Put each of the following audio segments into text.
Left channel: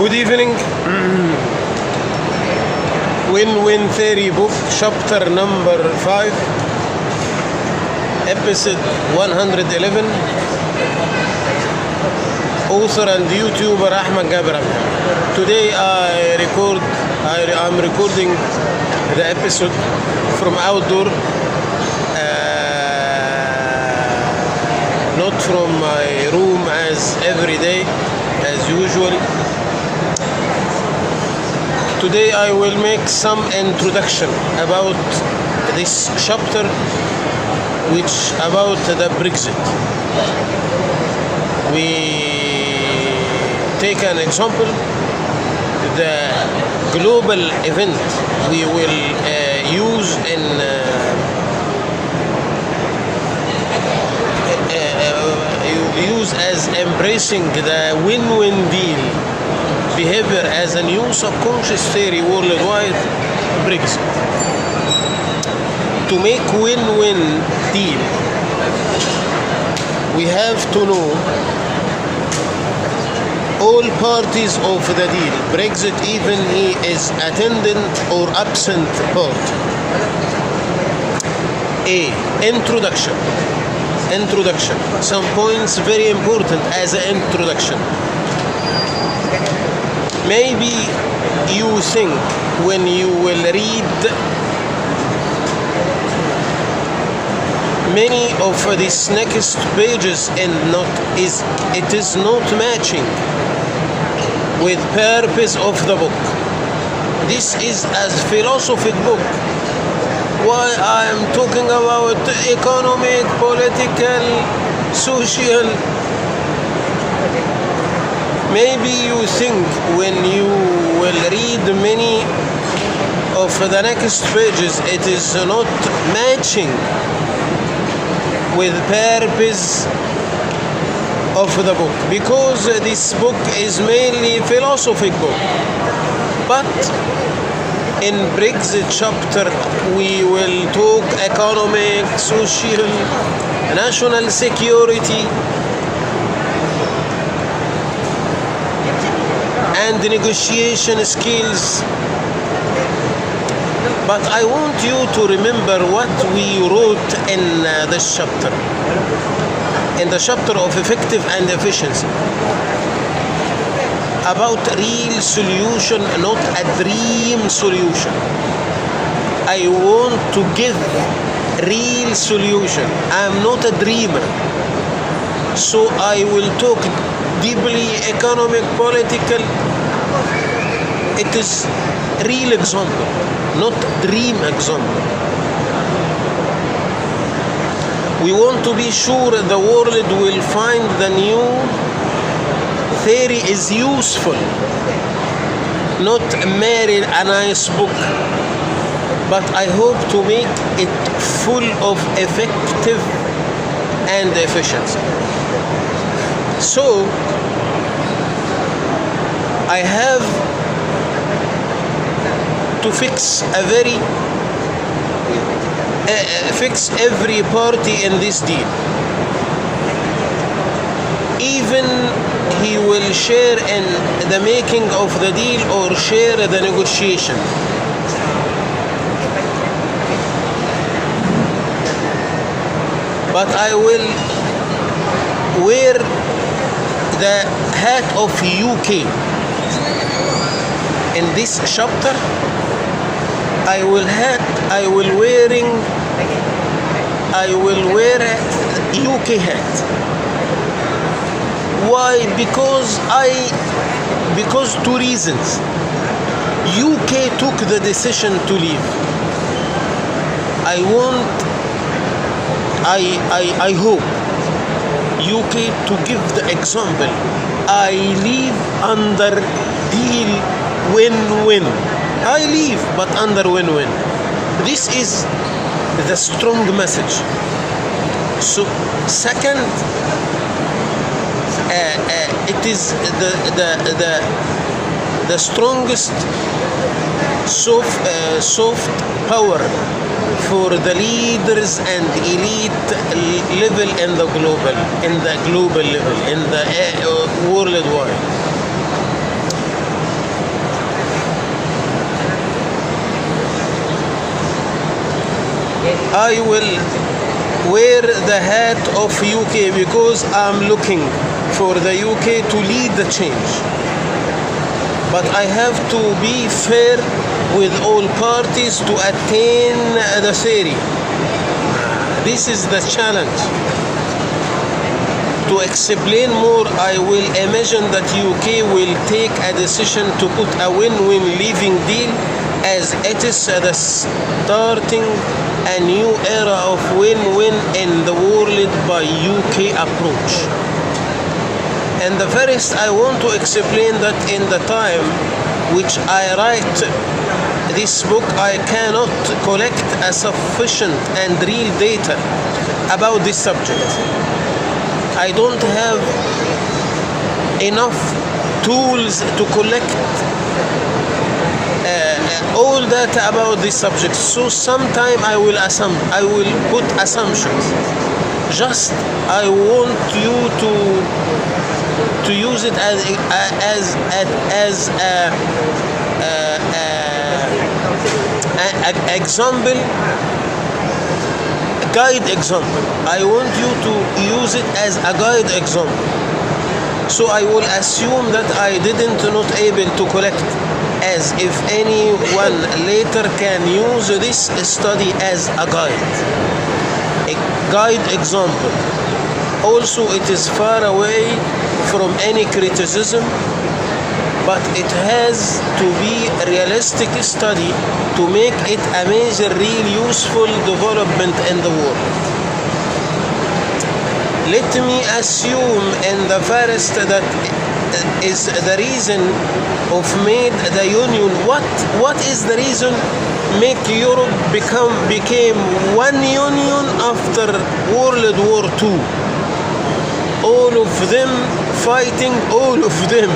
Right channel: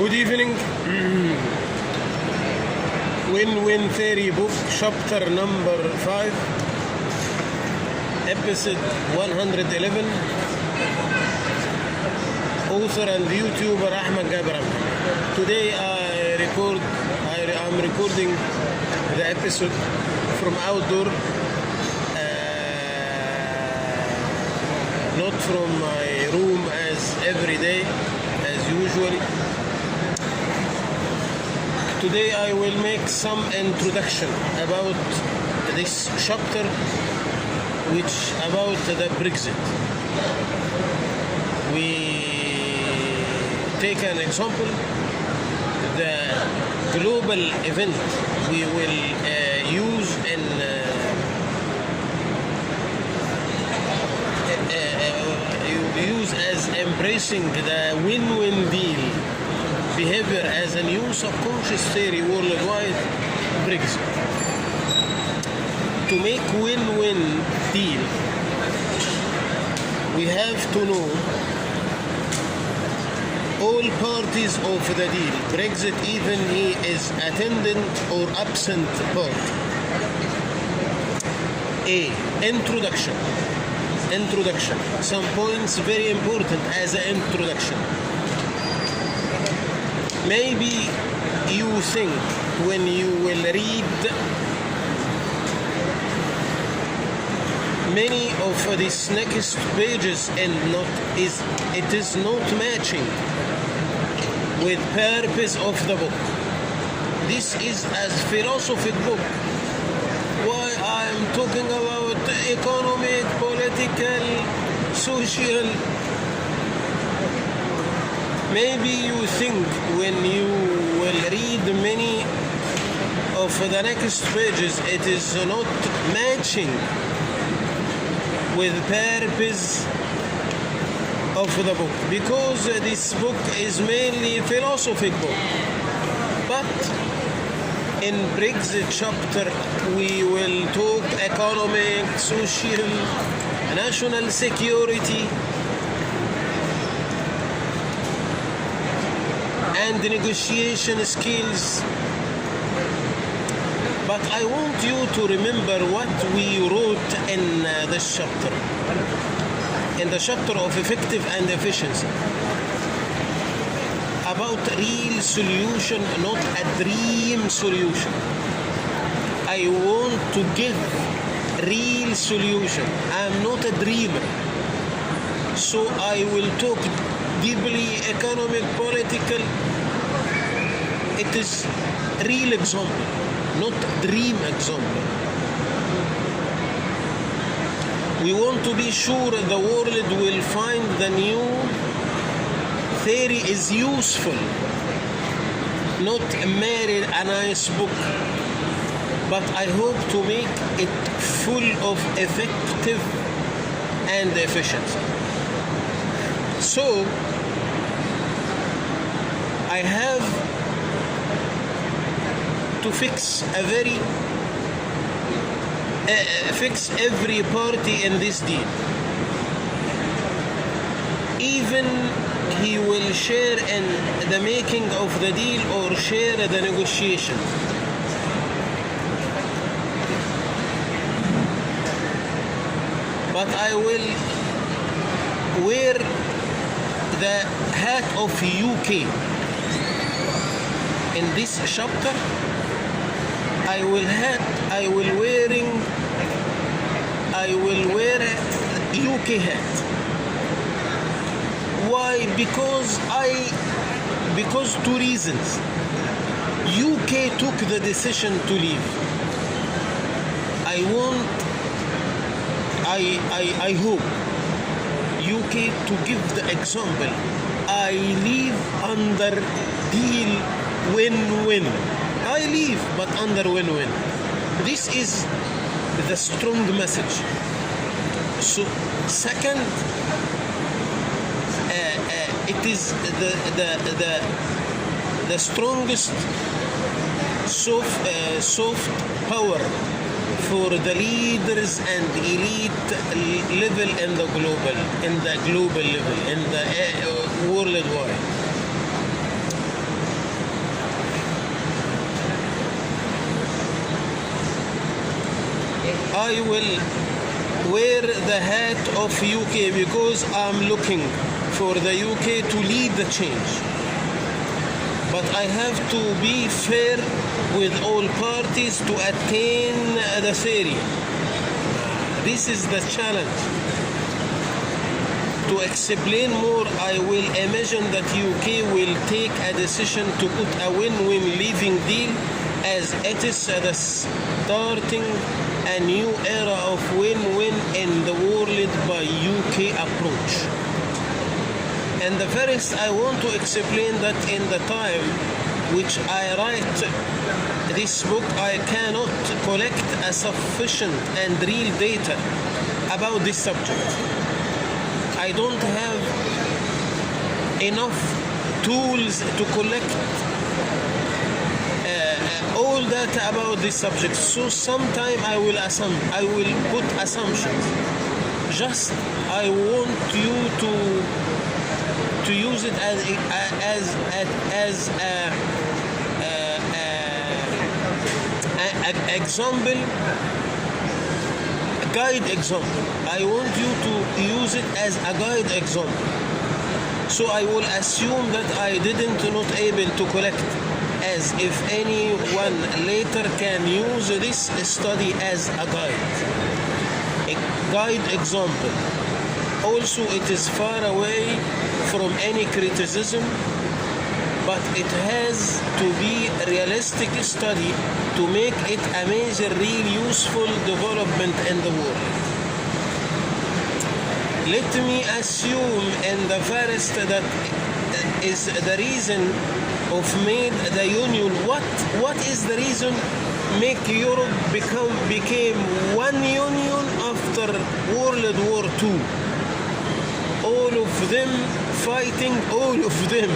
Good evening. Win-Win Theory book, chapter number 5, episode 111. Author and YouTuber Ahmed Gaber Abdelhamid. Today I'm recording the episode from outdoor, not from my room as every day, as usual. Today I will make some introduction about this chapter, which about the Brexit. We take an example, the global event we will use in use as embracing the win-win deal behavior as a new subconscious theory worldwide, Brexit. To make win-win deal, we have to know all parties of the deal, Brexit, even he is attendant or absent party. Introduction. Some points very important as an introduction. Maybe you think when you will read many of these next pages and it is not matching with purpose of the book. This is a philosophic book. Why I am talking about economic, political, social. Maybe you think when you will read many of the next pages, it is not matching with purpose of the book, because this book is mainly a philosophic book. But in Brexit chapter, we will talk economic, social, national security, and negotiation skills. But I want you to remember what we wrote in this chapter, in the chapter of effective and efficiency, about real solution, not a dream solution. I want to give real solution. I am not a dreamer. So I will talk deeply economic, political. It is real example, not dream example. We want to be sure the world will find the new theory is useful, not merely a nice book, but I hope to make it full of effective and efficiency. So I have to fix every party in this deal. Even he will share in the making of the deal or share the negotiation. But I will wear the hat of UK. In this chapter, I will wear a UK hat. Why? Because two reasons. UK took the decision to leave. I hope UK to give the example. I leave under deal win-win. I leave, but under win-win. This is the strong message. So, second, it is the strongest soft power for the leaders and elite level in the global level, in the worldwide. I will wear the hat of UK because I'm looking for the UK to lead the change. But I have to be fair with all parties to attain the theory. This is the challenge. To explain more, I will imagine that UK will take a decision to put a win-win leaving deal as it is the starting a new era of win-win in the world by UK approach. And the first, I want to explain that in the time which I write this book, I cannot collect a sufficient and real data about this subject. I don't have enough tools to collect all data about this subject. So sometime I will put assumptions. Just I want you to use it as an example, guide example. I want you to use it as a guide example. So I will assume that I didn't not able to collect, as if anyone later can use this study as a guide example. Also, it is far away from any criticism, but it has to be a realistic study to make it a major, real useful development in the world. Let me assume in the first that is the reason of made the union. What is the reason make Europe became one union after World War II? All of them fighting, all of them.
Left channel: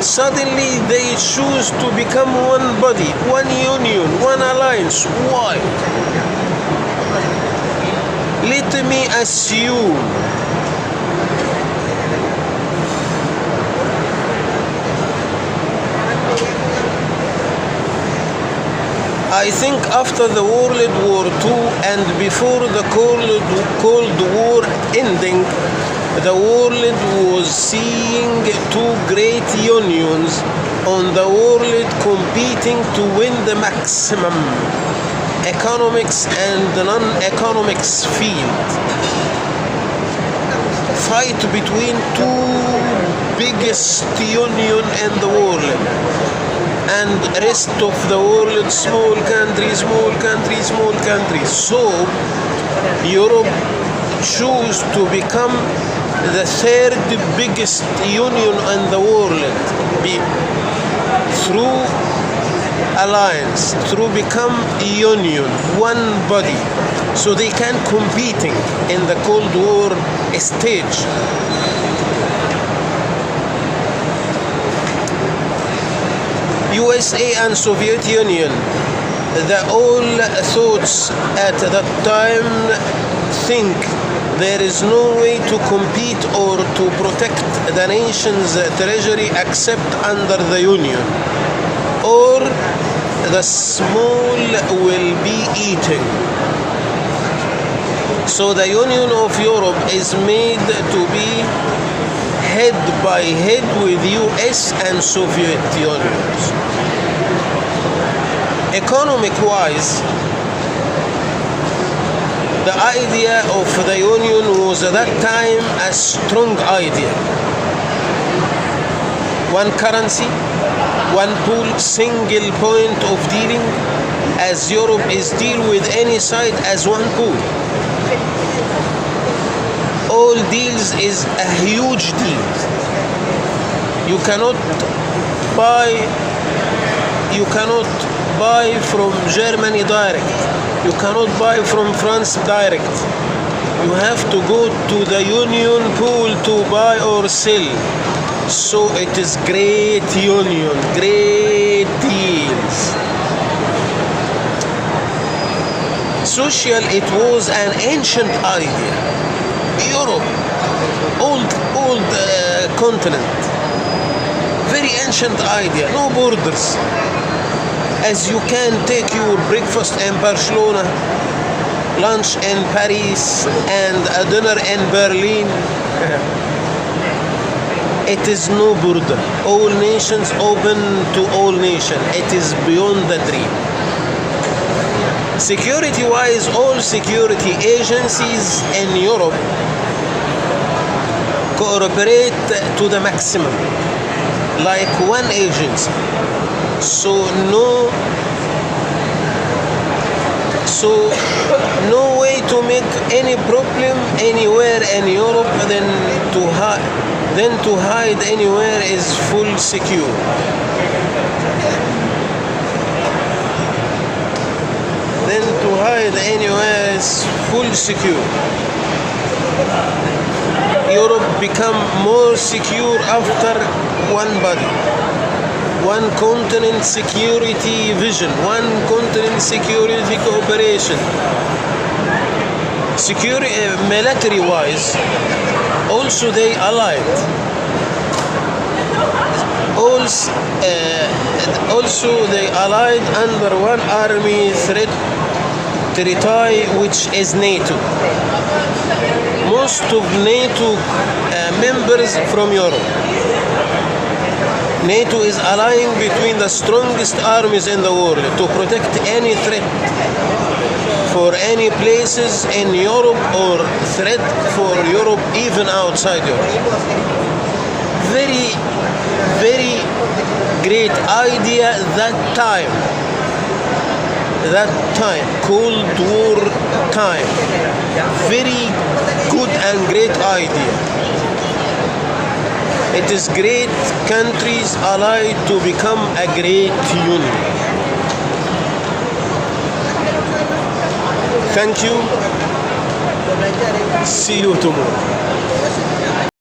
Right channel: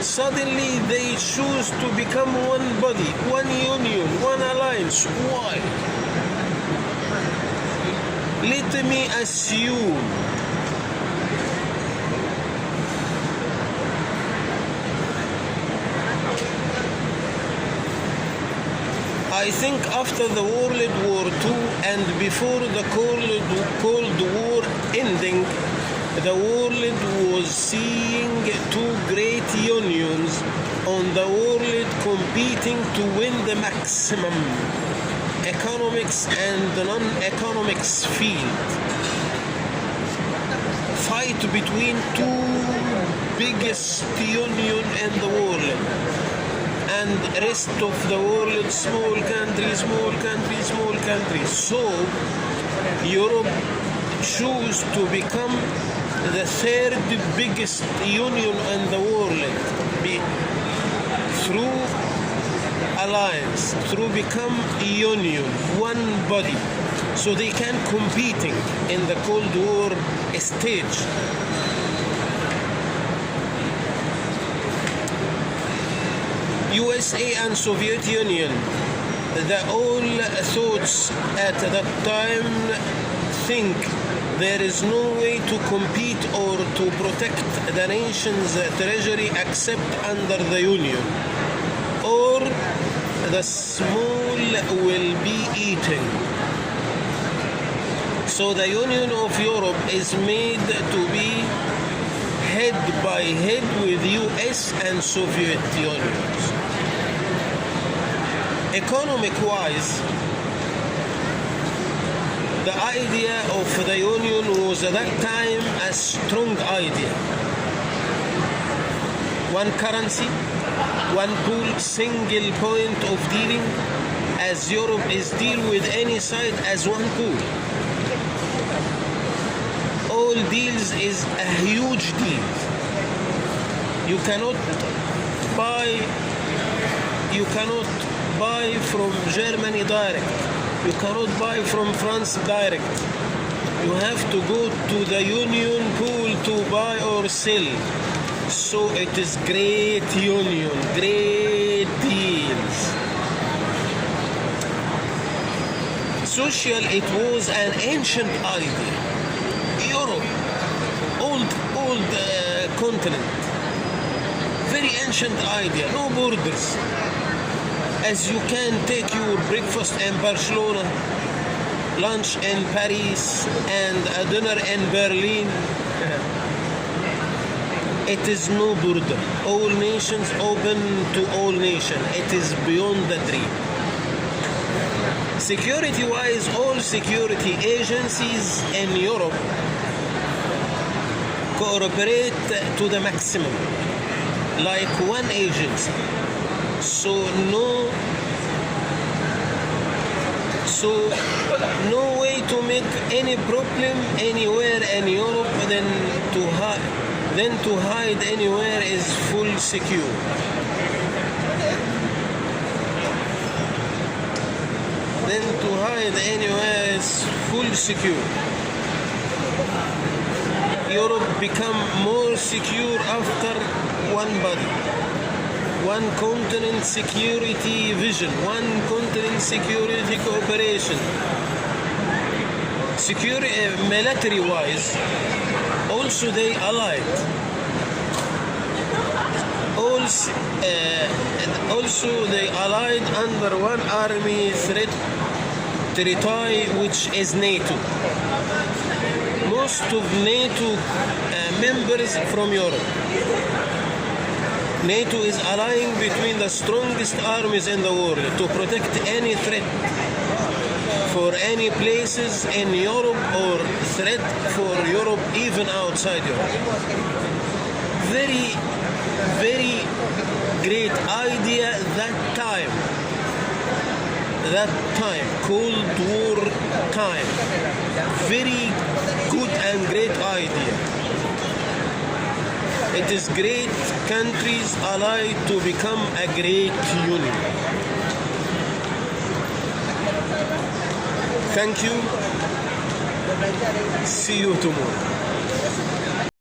Suddenly they choose to become one body, one union, one alliance. Why? Let me assume I think after the World War II and before the Cold War ending, the world was seeing two great unions on the world competing to win the maximum economics and non-economics field. Fight between two biggest union in the world, and rest of the world small countries. So Europe chose to become the third biggest union in the world through alliance, through become a union, one body, so they can competing in the Cold War stage. USA and Soviet Union, the all thoughts at that time think there is no way to compete or to protect the nation's treasury except under the union, or the small will be eaten. So the Union of Europe is made to be head by head with US and Soviet unions. Economic-wise, the idea of the union was at that time a strong idea. One currency, one pool, single point of dealing, as Europe is deal with any side as one pool. All deals is a huge deal. You cannot buy from Germany direct. You cannot buy from France direct. You have to go to the union pool to buy or sell. So it is great union, great deals. Social, it was an ancient idea. Europe, old continent, very ancient idea, no borders. As you can take your breakfast in Barcelona, lunch in Paris and a dinner in Berlin. It is no border. All nations open to all nations. It is beyond the dream. Security-wise, all security agencies in Europe cooperate to the maximum, like one agency. So no way to make any problem anywhere in Europe than to hide anywhere is full secure. Then to hide anywhere is full secure. Europe become more secure after one body, one continent security vision, one continent security cooperation. Military-wise, also they allied. Also they allied under one army threat territory, which is NATO. Most of NATO members from Europe. NATO is allying between the strongest armies in the world to protect any threat for any places in Europe or threat for Europe even outside Europe. Very, very great idea that time, Cold War time. Very good and great idea. It is great countries allied to become a great union. Thank you. See you tomorrow.